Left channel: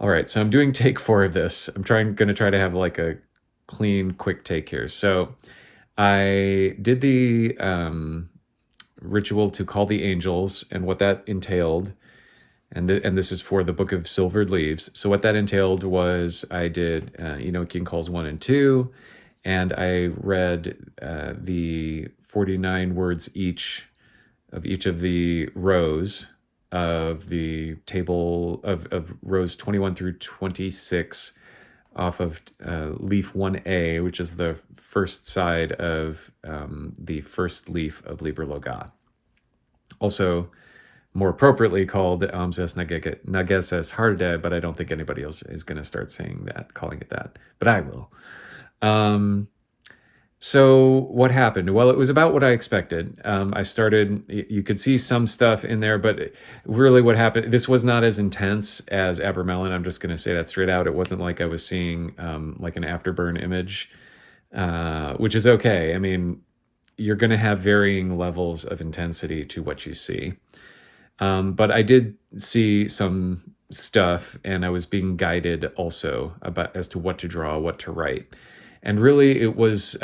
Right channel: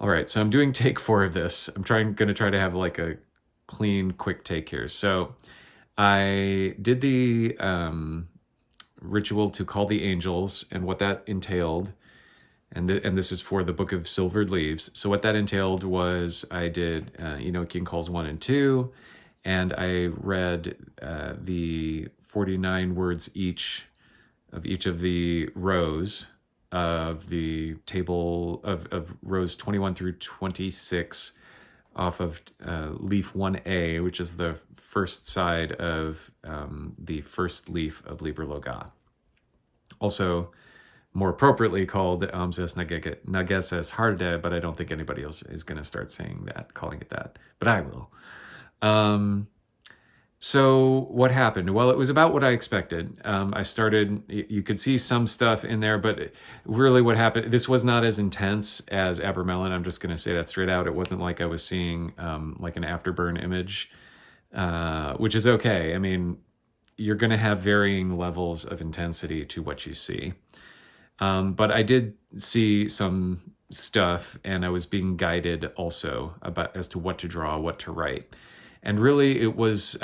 All right, so I'm doing take 4 of this. I'm gonna try to have like a clean, quick take here. So I did the ritual to call the angels and what that entailed. And this is for the Book of Silvered Leaves. So what that entailed was I did Enochian Calls 1 and 2, and I read the 49 words each of the rows of the table of rows 21 through 26 off of leaf 1A, which is the first side of the first leaf of Liber Loagaeth. Also, more appropriately called Amses Nageses Harde, but I don't think anybody else is going to start calling it that. But I will. So what happened? Well, it was about what I expected. I started, you could see some stuff in there, but really what happened, this was not as intense as Abramelin. I'm just going to say that straight out. It wasn't like I was seeing like an afterburn image, which is okay. I mean, you're going to have varying levels of intensity to what you see. But I did see some stuff, and I was being guided also as to what to draw, what to write. And really I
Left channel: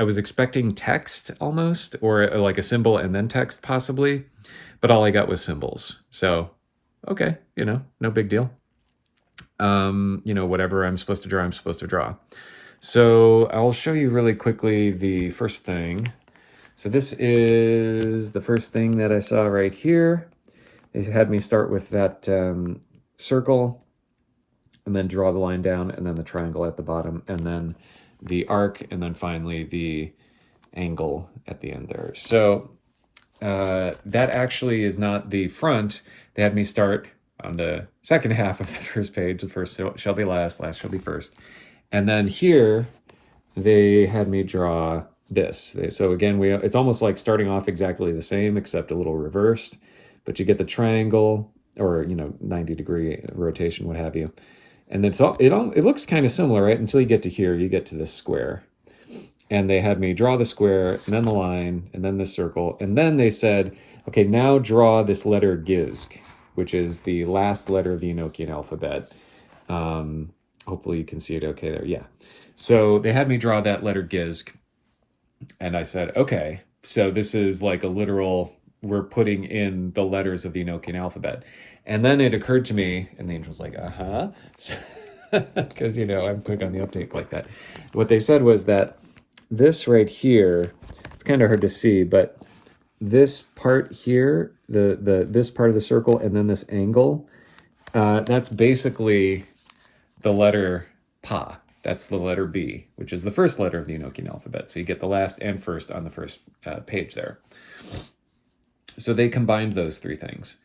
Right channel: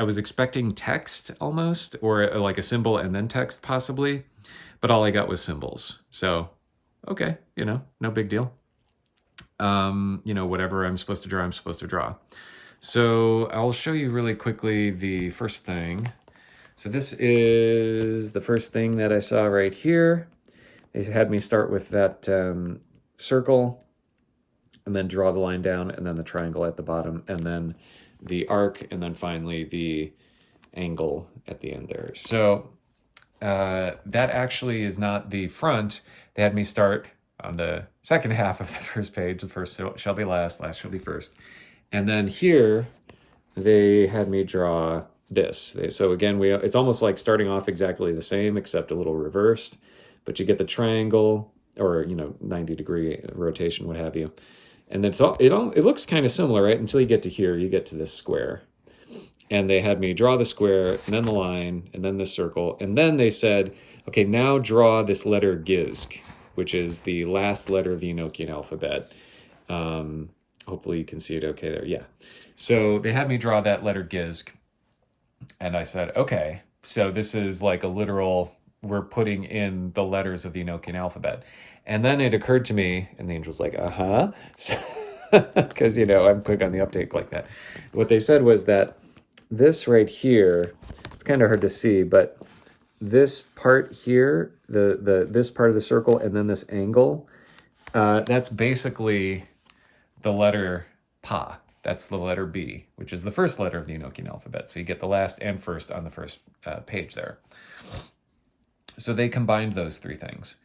was expecting text almost, or like a symbol and then text possibly, but all I got was symbols. So, okay, no big deal. Whatever I'm supposed to draw, I'm supposed to draw. So I'll show you really quickly the first thing. So this is the first thing that I saw right here. They had me start with that circle, and then draw the line down, and then the triangle at the bottom, and then the arc, and then finally the angle at the end there. So that actually is not the front. They had me start on the second half of the first page. The first shall be last, last shall be first. And then here, they had me draw this. So again, it's almost like starting off exactly the same, except a little reversed. But you get the triangle, or 90-degree rotation, what have you. And it looks kind of similar, right? Until you get to here, you get to this square. And they had me draw the square, and then the line, and then the circle. And then they said, okay, now draw this letter Gizk, which is the last letter of the Enochian alphabet. Hopefully you can see it okay there. Yeah. So they had me draw that letter Gizk. And I said, okay, so this is like a literal, we're putting in the letters of the Enochian alphabet. And then it occurred to me, and the angel's like, uh-huh. So, because, I'm quick on the uptake like that. What they said was that this right here, it's kind of hard to see, but this part here, this part of the circle, and then this angle, that's basically the letter Pa. That's the letter B, which is the first letter of the Enochian alphabet. So you get the last and first on the first page there. So they combined those three things.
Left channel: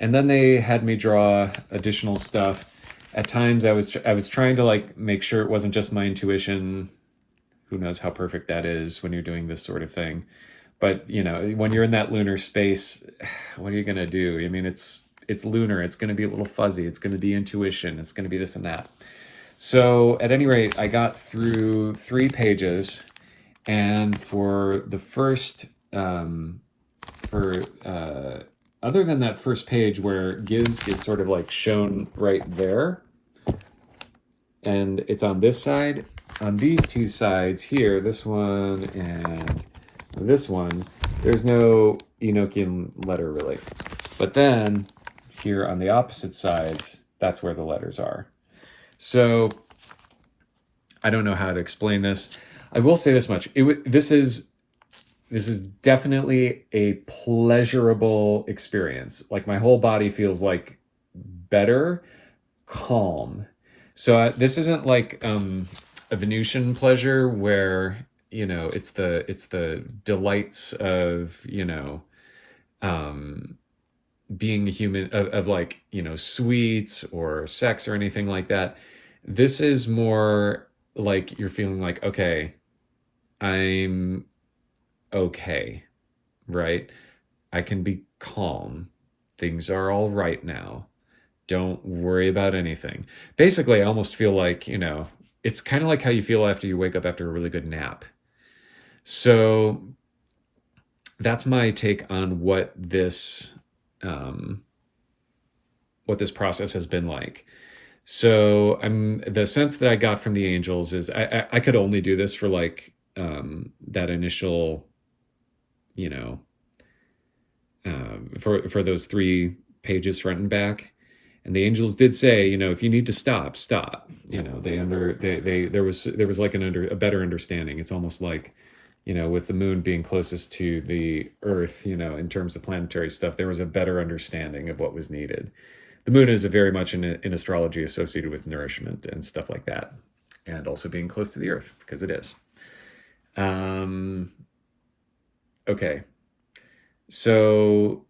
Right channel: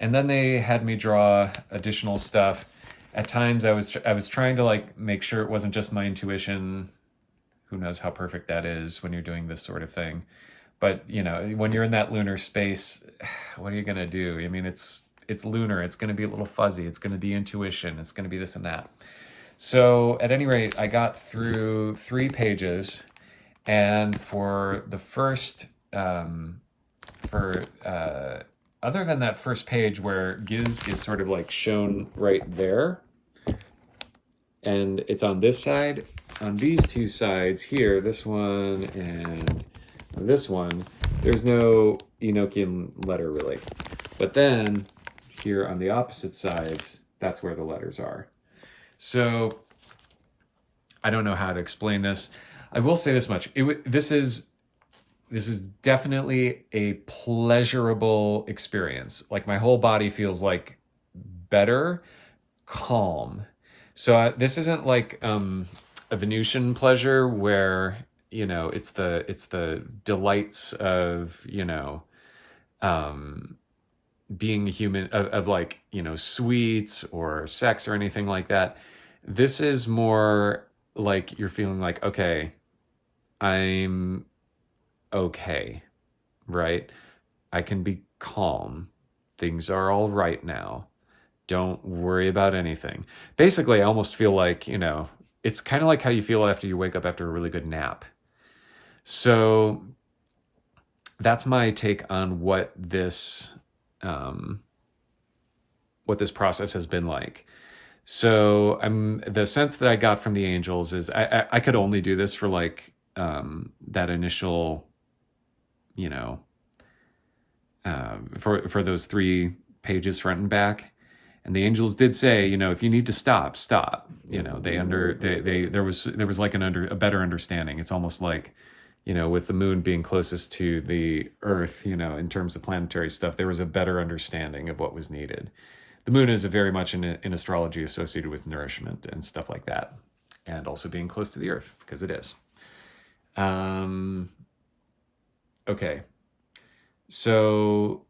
And then they had me draw additional stuff. At times I was trying to make sure it wasn't just my intuition. Who knows how perfect that is when you're doing this sort of thing. But, when you're in that lunar space, what are you going to do? I mean, it's lunar. It's going to be a little fuzzy. It's going to be intuition. It's going to be this and that. So at any rate, I got through 3 pages. And for the first, other than that first page where Giz is sort of like shown right there, and it's on this side, on these 2 sides here, this one and this one, there's no Enochian letter really. But then here on the opposite sides, that's where the letters are. So I don't know how to explain this. I will say this much. This is definitely a pleasurable experience. Like my whole body feels like better, calm. So this isn't like a Venusian pleasure where, it's the delights of, being a human, of sweets or sex or anything like that. This is more like you're feeling like, okay, I'm okay, right? I can be calm. Things are all right now. Don't worry about anything. Basically, I almost feel like, it's kind of like how you feel after you wake up after a really good nap. So that's my take on what this process has been like. So the sense that I got from the angels is I could only do this for like that initial, you know, for those 3 pages front and back. And the angels did say, you know, if you need to stop, stop. You know, there was like a better understanding. It's almost like, you know, with the moon being closest to the Earth, you know, in terms of planetary stuff, there was a better understanding of what was needed. The moon is very much in astrology associated with nourishment and stuff like that, and also being close to the Earth because it is. Okay, so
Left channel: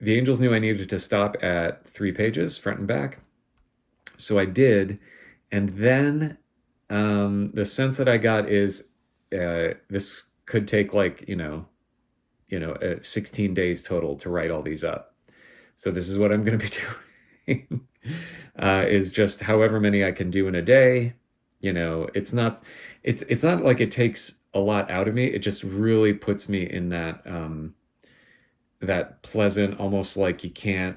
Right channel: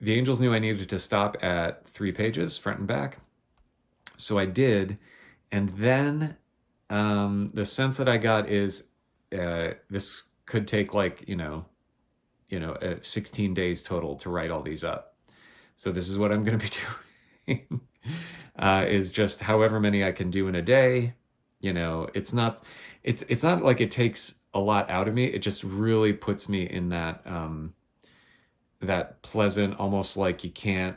the angels knew I needed to stop at 3 pages, front and back. So I did. And then the sense that I got is this could take like, 16 days total to write all these up. So this is what I'm going to be doing is just however many I can do in a day. You know, it's not like it takes a lot out of me. It just really puts me in that pleasant, almost like you can't,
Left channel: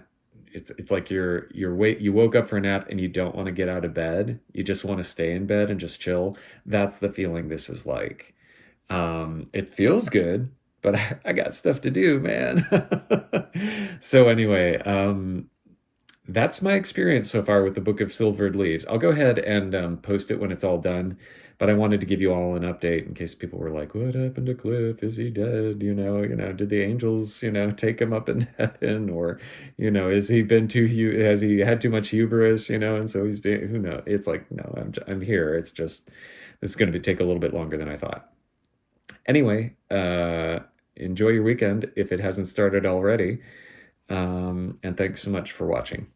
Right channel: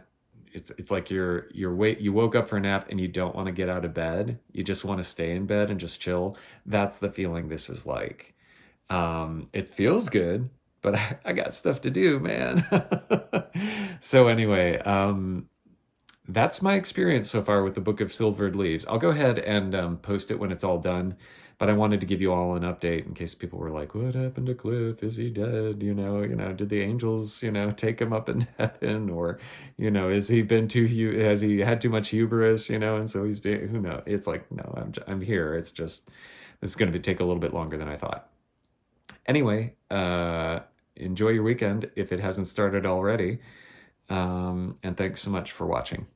it's like you woke up for a nap and you don't want to get out of bed. You just want to stay in bed and just chill. That's the feeling this is like. It feels good, but I got stuff to do, man. So anyway, that's my experience so far with the Book of Silvered Leaves. I'll go ahead and post it when it's all done. But I wanted to give you all an update in case people were like, what happened to Cliff? Is he dead? Did the angels, take him up in heaven? Or, has he has he had too much hubris, and so he's being, who knows? It's like, no, I'm here. It's just, this is going to take a little bit longer than I thought. Anyway, enjoy your weekend if it hasn't started already. And thanks so much for watching.